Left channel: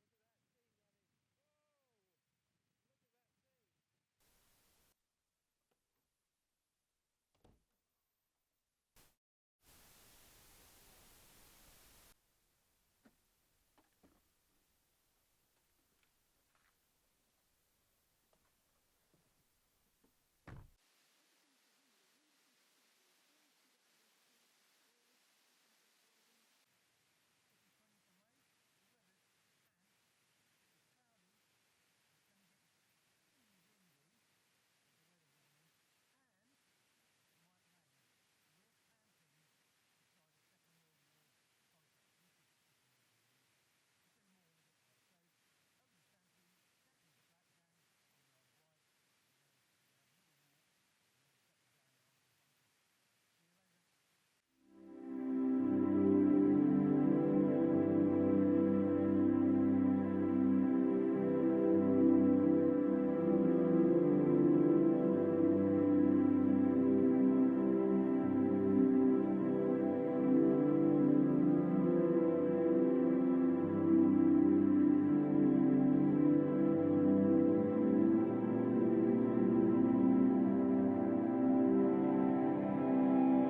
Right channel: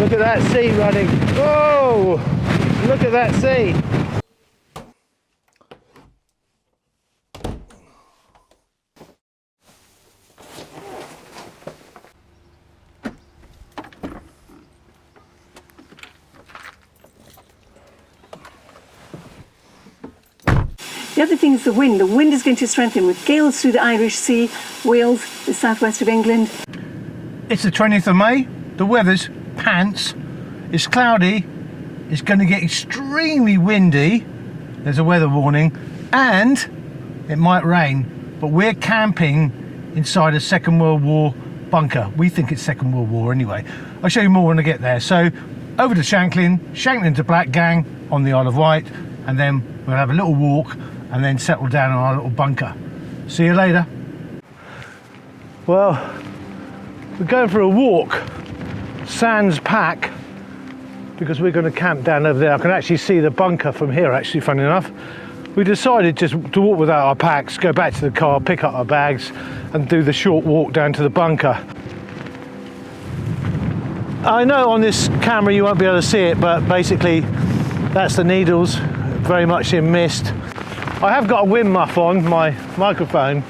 Look at that sea running. Whoa! Look at that sea. The other thing is the wind. The wind is going to strengthen with gales through the Irish Sea, Wales, the southwest of England. It's the 20th of May. The weather's pants. It's cloudy. It's going to get extremely windy. There's a weather warning. And it might rain. But we're camping inside a Second World War bunker. We think it's Second World War anyway. I'll show you more when I get there. So over to Shanklin to Blackgang on the Isle of Wight. And then we'll have a little walk and then settle down in our little bunker. See you later. Well, we're going for a walk, sans pack, because we're going to camp down over there. I can actually see the bunker from here, actually, funny enough. We decided just to walk without our packs, go back to the car, pick up our bags, and do the short walk down to the bunker. I know on this camera you won't be able to see it, but basically that's the Needles, very much in mist. I have got a wind muff on my microphone,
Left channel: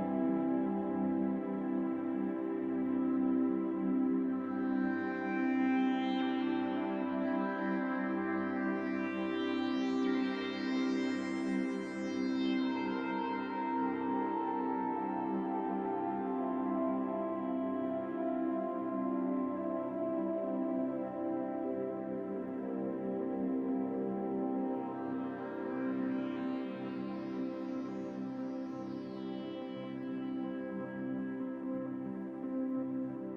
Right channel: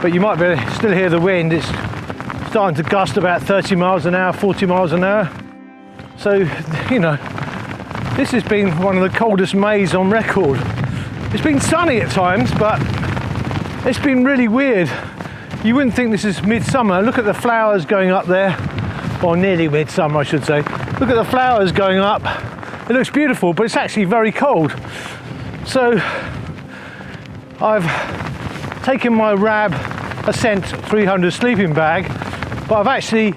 but you might be able to still hear the wind. It's starting to gust about 30 miles an hour, 40 miles an hour. So, you know, this has been one of the coldest Mays on record. It's been sunny at times, but it's been really weird. You wouldn't think this is midsummer. Look at the flowers going up there, or nearly midsummer, I should say. Look at the flowers going up. It looks beautiful, but it's actually very cold. So I've taken my RAB Ascent 300 sleeping bag, but I've actually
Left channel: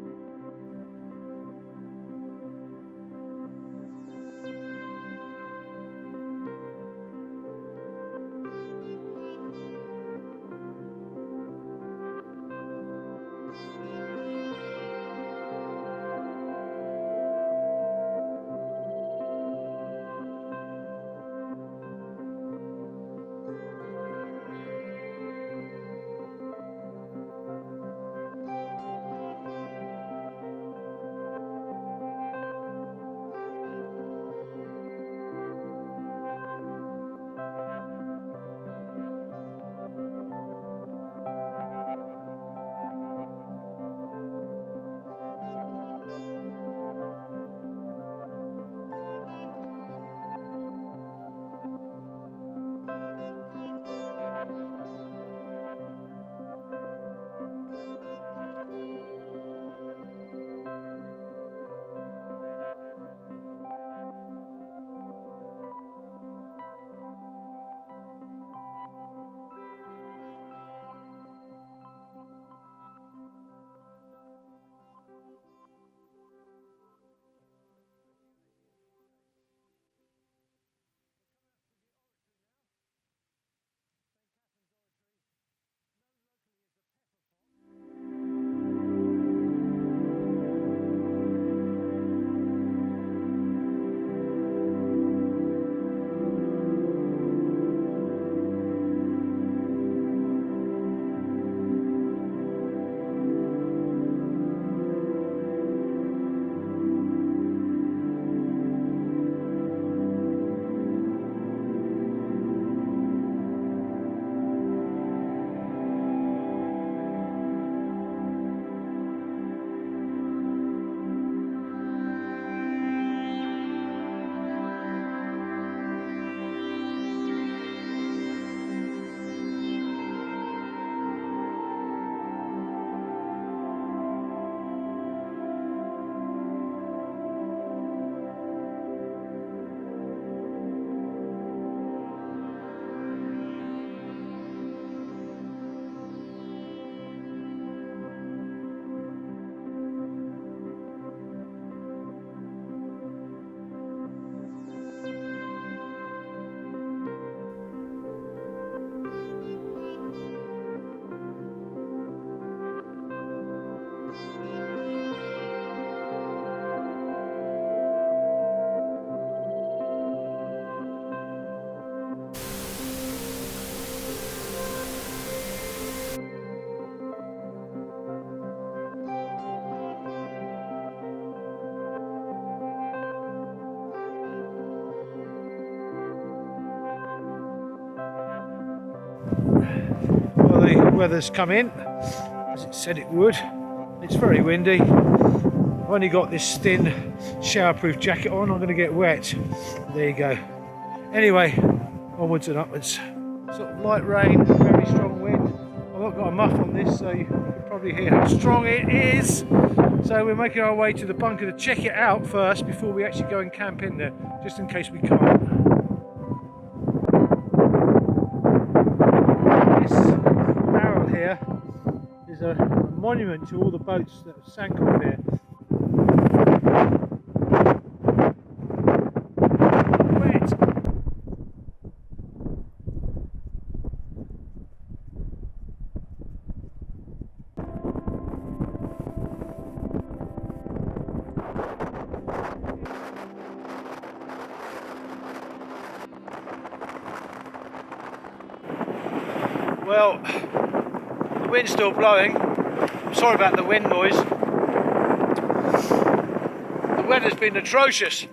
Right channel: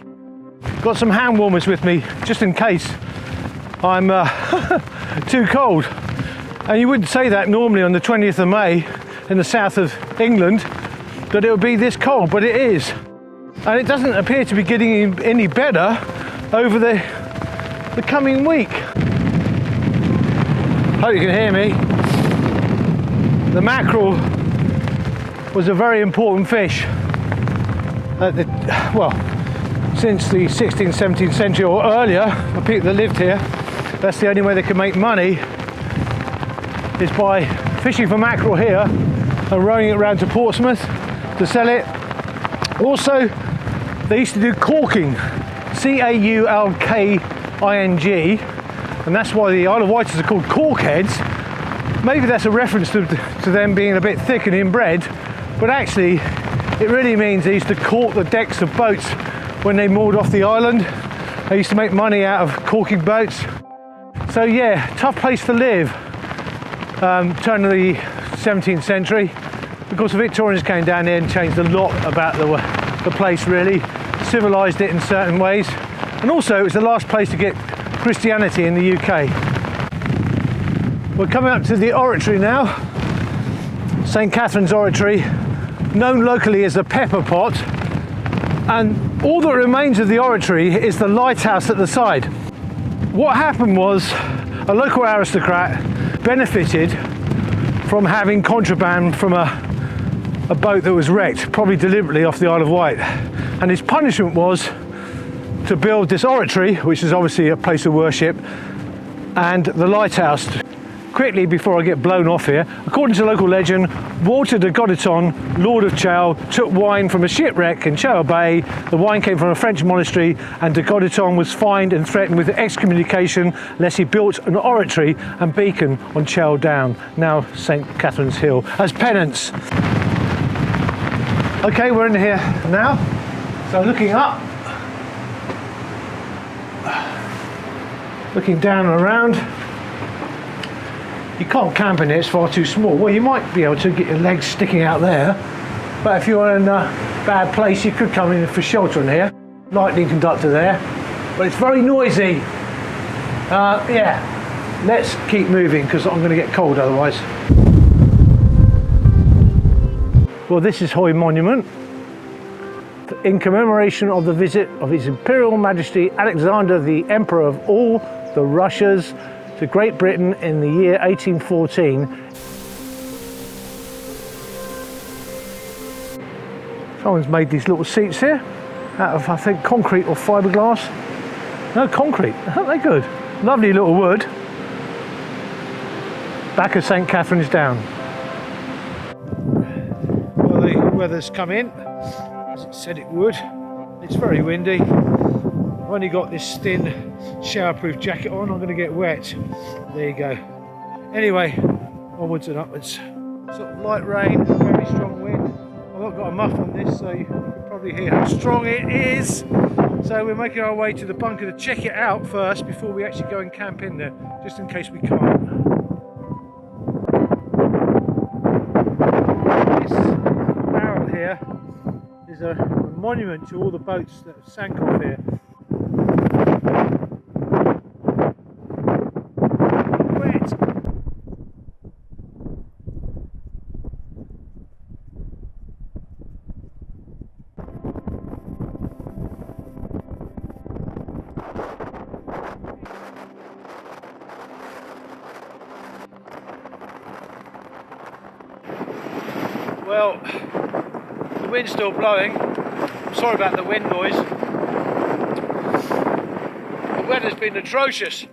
got some hand warmers with me just in case I'm too cold. And you wouldn't say that normally on the 20th of May in the south of England, that it would be this cold, but it is. And it doesn't appear to be getting any better over the coming week. Hope you can hear me. The mackerel was a very important fish since the 16th, 17th century or earlier. The people that lived here, that's the only way they could make money, is by fishing for mackerel here and rowing it around to Portsmouth to sell it. Also, they used to do caulking, C-A-U-L-K-I-N-G, and that's why the Isle of Wight are called corkheads. Maybe that's a reference to them being a bit thick and inbred, but actually it really means they used to caulk the decks of boats when they moored off the island. They used to make money out of caulking boats. So yeah, tough place to live, turn of the 17th century. Of course, the Victorians came down here and changed a lot about the place, really, civilised it in certain ways. And also it was the last place to get Christianity in the UK. We're coming up to the oratory now, St Catherine's Oratory, known locally as the Pepper Pot, and all that remains of the oratory is the lighthouse at the side. What happened was a local aristocrat benefited from having contraband from a boat that was wrecked, probably deliberately off the Isle of Wight, and his punishment was to build this oratory, which is obviously a place of worship, and the lighthouse. Quickly, before I get blown off here, according to local legend, Walter de Goditon, Lord of Chau, took wine from a shipwreck in Chau Bay. The wine came from a French monastery, and de Goditon was fined and threatened with excommunication unless he built an oratory and beacon on Chau Down, now St Catherine's Hill, as penance. Okay, we're in here now, so looking up, looking down and around. You can't camp in here, it's far too small. Well, you might be able to get your legs sticking out there, but if you're in a bad place, you could come in for shelter in here. Lightning conductor there, but it's very noisy. Yeah, let's keep moving because I'm going to get cold otherwise. Well, this is Hoy Monument, in commemoration of the visit of His Imperial Majesty Alexander, the Emperor of all the Russias, to Great Britain in the year 1814. Someone's made these little seats here out of, I think, concrete or fiberglass. No concrete. Aren't they good? Lovely little wood. Back of St Catherine's Down. Well, the weather's come in, as it said it would. It's very windy. I've only got this thin showerproof jacket on. I'm going to get wet. There you go. Anyway, onwards and upwards. Sort of light rain, very strong wind. I've not got a muff on this, so you can probably hear how strong it is. So we're making our way to the bunker to check it out first before we actually go and camp in there, just in case we can't. This barrel here is a monument to all the boats that sank off here. I'm wet. Well, the wind's still blowing. I'm sorry about the wind noise. The weather's been atrocious,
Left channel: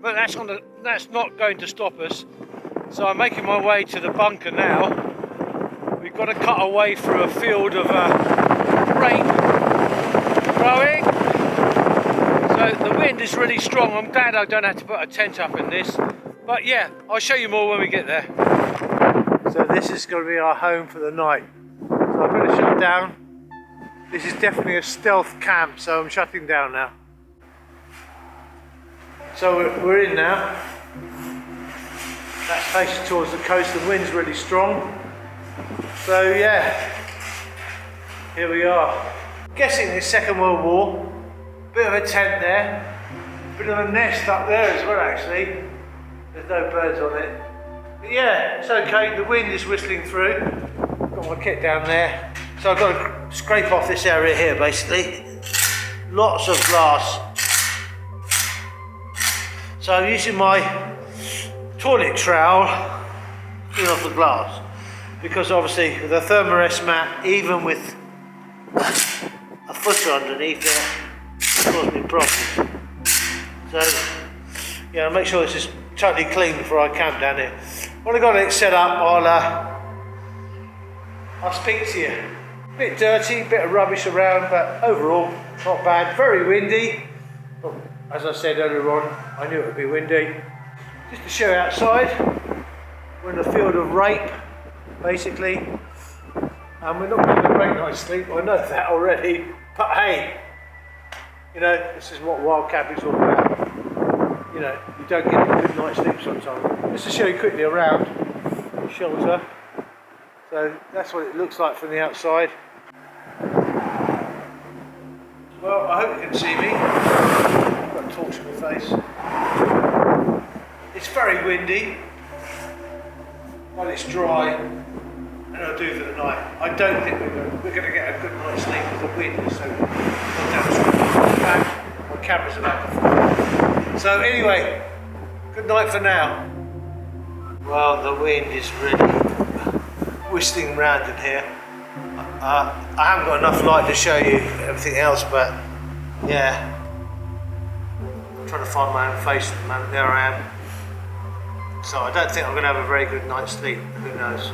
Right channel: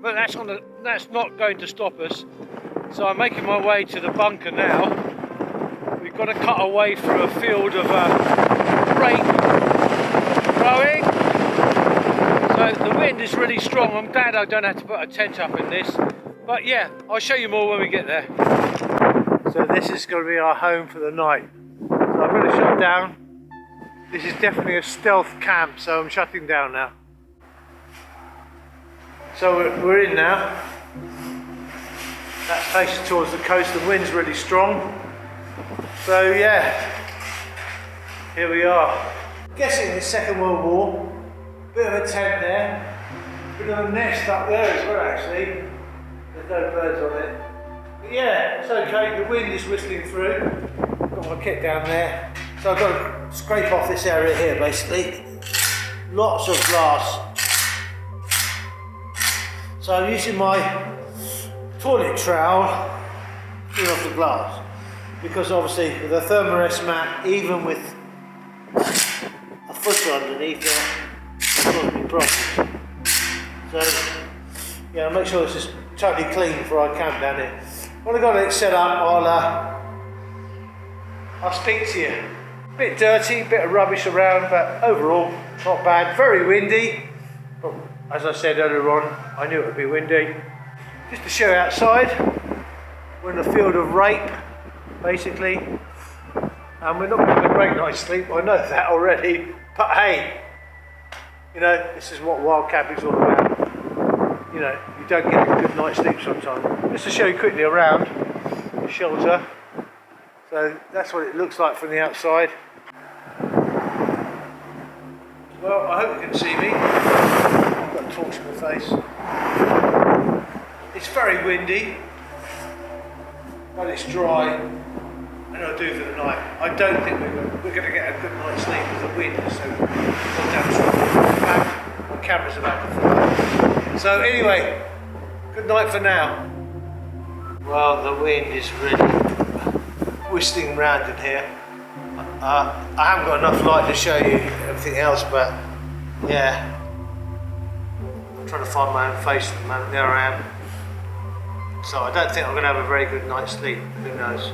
but that's not going to stop us. So I'm making my way to the bunker now. We've got to cut away through a field of rape growing. So the wind is really strong. I'm glad I don't have to put a tent up in this. But yeah, I'll show you more when we get there. So this is going to be our home for the night. So I'm going to shut down. This is definitely a stealth camp, so I'm shutting down now. So we're in now. That's facing towards the coast. The wind's really strong. So yeah, here we are. I'm guessing it's Second World War. Bit of a tent there. Bit of a nest up there as well actually. There's no birds on it. But yeah, it's okay, the wind is whistling through. Got my kit down there. So I've got to scrape off this area here basically. Lots of glass. So I'm using my toilet trowel to clean off the glass. Because obviously with a thermarest mat, even with a footer underneath it, it's caused me problems. So yeah, I'll make sure this is totally clean before I camp down here. When I've got it set up, I'll speak to you. A bit dirty, bit of rubbish around, but overall, not bad. Very windy. But as I said earlier on, I knew it would be windy. Just to show you outside, we're in a field of rape, basically. And we're not going to have a great night's sleep, I know that already. But hey, you know, this is what wild camping's all about. You know, you don't get a good night's sleep sometimes. Just to show you quickly around the shelter. So that's what it looks like from the outside. Well, I hope you can see me. I've got a torch in my face. It's very windy, but it's dry, and it'll do for the night. I don't think we're going to get a good night's sleep with the wind, so not down strong. In fact, my camera's about to fall off. So anyway, good night for now. Well, the wind is really whistling round in here. I haven't got enough light to show you everything else, but yeah, I'm trying to find my own face at the moment. There I am. So I don't think I'm going to have a very good night's sleep. Who knows?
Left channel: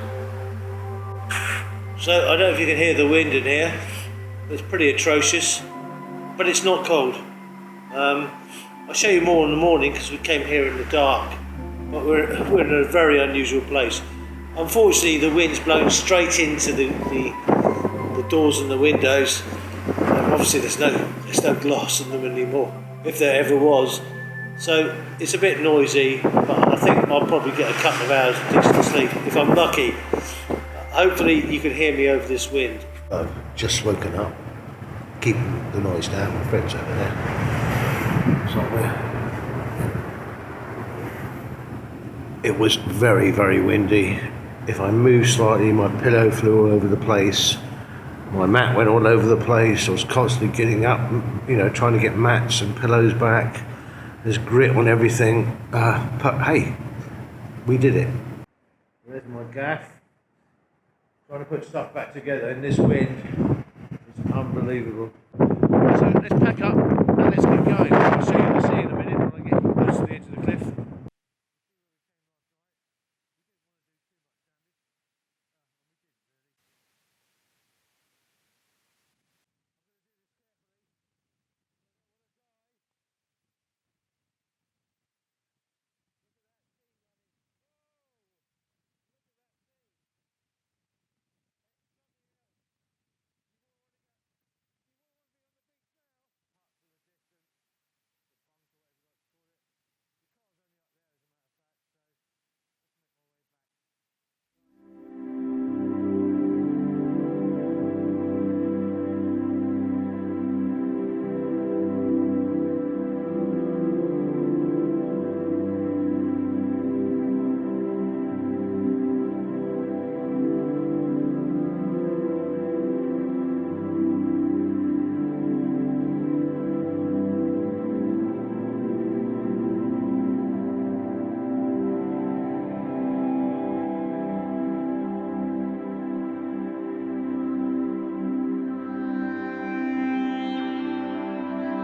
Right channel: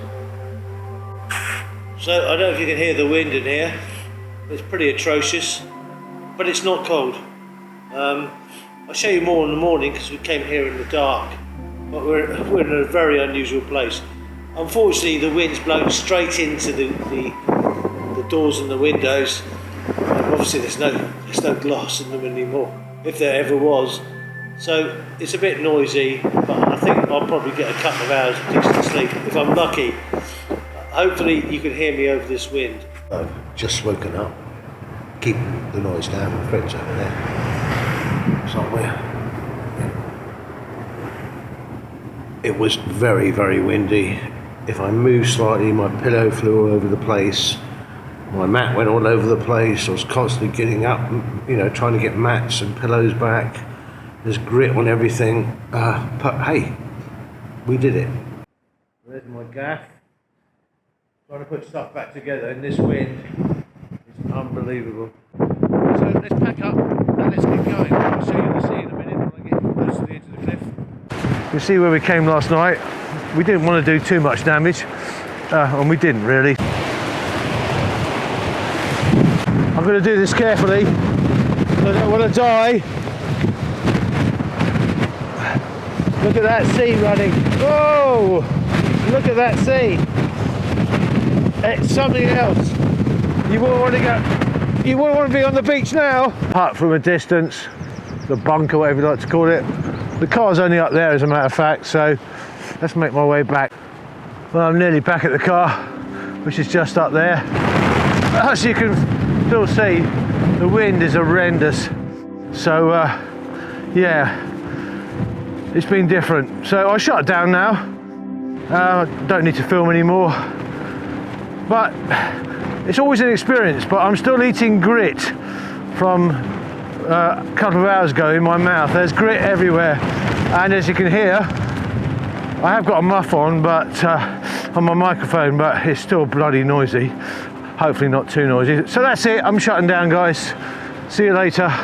So I don't know if you can hear the wind in here. It's pretty atrocious, but it's not cold. I'll show you more in the morning because we came here in the dark, but we're in a very unusual place. Unfortunately, the wind's blown straight into the doors and the windows. Obviously, there's no glass in them anymore, if there ever was. So it's a bit noisy, but I think I'll probably get a couple of hours of decent sleep if I'm lucky. Hopefully, you can hear me over this wind. I've just woken up, keeping the noise down. My friend's over there. Somewhere. It was very, very windy. If I moved slightly, my pillow flew all over the place. My mat went all over the place. I was constantly getting up, you know, trying to get mats and pillows back. There's grit on everything. But hey, we did it. There's my gaff. Trying to put stuff back together in this wind. It's unbelievable. So let's pack up and Now let's get going. I'll show you the sea in a minute when I get close to the edge of the cliff. You see where we came last night. We didn't want to do too much damage, and we didn't really. I'm going to do this carefully. I don't want to die. Look at that sea running. Whoa! Look at that sea. It's something else. You wouldn't want to go. You wouldn't want to be on the beach now. Apart from a distance, the bunker, whatever you like to call it. The car's only up there, as a matter of fact. So let's make my way back. Well, I'm nearly back at the car, which is just up there. As you can still see, the wind is horrendous. So yeah, it's been different. So I shut it down now. Don't need to film anymore. But it's always an experience. But I'm still eating grit from a couple of hours ago in my mouth. There's grit everywhere, and as you can hear, I have got a muff on, but on my microphone, but it's still bloody noisy. Hopefully not too noisy. So that's it. I'm shutting down, guys. See you later.